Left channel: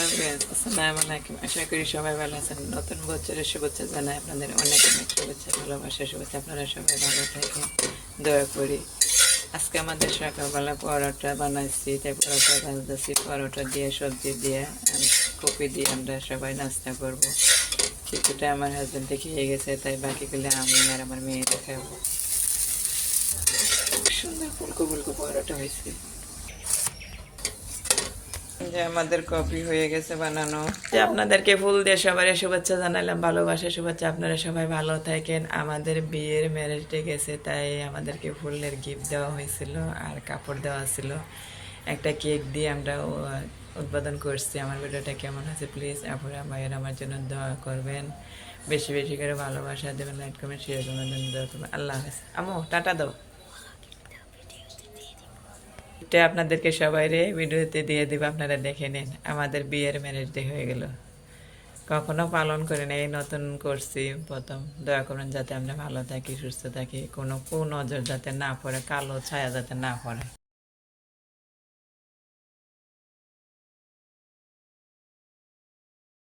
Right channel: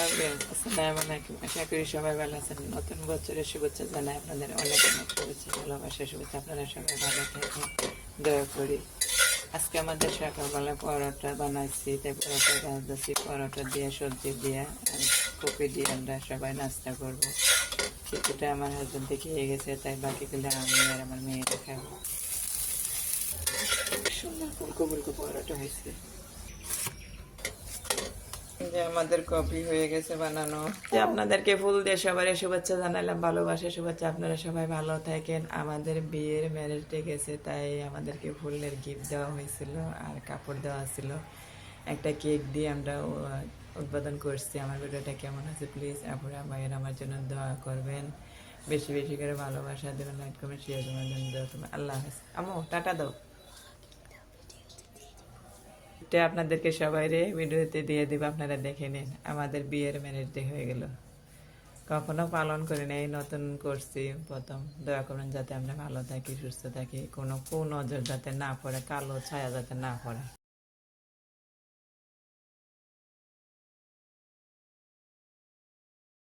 Hello friends, আসসালামু আলাইকুম। আশা করি সবাই ভালো আছেন। নতুন বছরের শুভেচ্ছা জানাই আপনাদের, অনেক অনেক শুভেচ্ছা, ভালোবাসা, শুভেচ্ছা। আপনারা সবাই ভালো থাকুন, দোয়া করি। আজকে আমাদের সকালবেলা পরোটা বানাইছি, তাই পরোটা ভাজতেছি। পরোটা দিয়ে, সবজি দিয়ে, আর কপি দিয়ে আমরা সবাই নাস্তা করব। কিছুটা আমার হাজবেন্ডে খেয়ে গেছে, তাই বাকিগুলো আমি আর আমার মেয়েরা খাবো। সুন্দর ফুলকো ফুলকো পরোটা হয়েছে। যে আমাদের কফি হয়ে গেছে বানানো। যে আপনাদেরকে ফুল দিয়ে সবাই শুভেচ্ছা জানালাম, ভালোবাসা, শুভেচ্ছা। আপনারা সবাই ভালো থাকেন। আমাদের বিয়ের ম্যারেজ ডে গেছে, তাই আমাদেরকে ফুলের গিফট দেওয়া হয়েছিল আর কাপড় দেওয়া ছিল। একটা কেক দিয়ে আমরা উদ্বোধন করছি। আমার ভিডিওটা কেমন হয়েছে প্লিজ আপনারা ভাইয়ের আমার জন্য দোয়া করবেন, বেশি বেশি করে ভালোবাসা দেবেন, লাইক কমেন্ট শেয়ার করবেন। আল্লাহ হাফেজ। আমো টাটা দাও। এটা আপনাদেরকে সবাই ভিডিওতে দিয়ে দিব, আপনারা দেখে নিন। আমাদের বিয়ের ম্যারেজ ডে হয়ে গেল, কখনো পালন করে না, এই নতুন করছি প্রথম। দয়া করুন যাতে আমরা ভালো থাকি, সুস্থ থাকি, কোনো কুনজর যাতে না পড়ে, কালো ছায়া যাতে না পড়ে।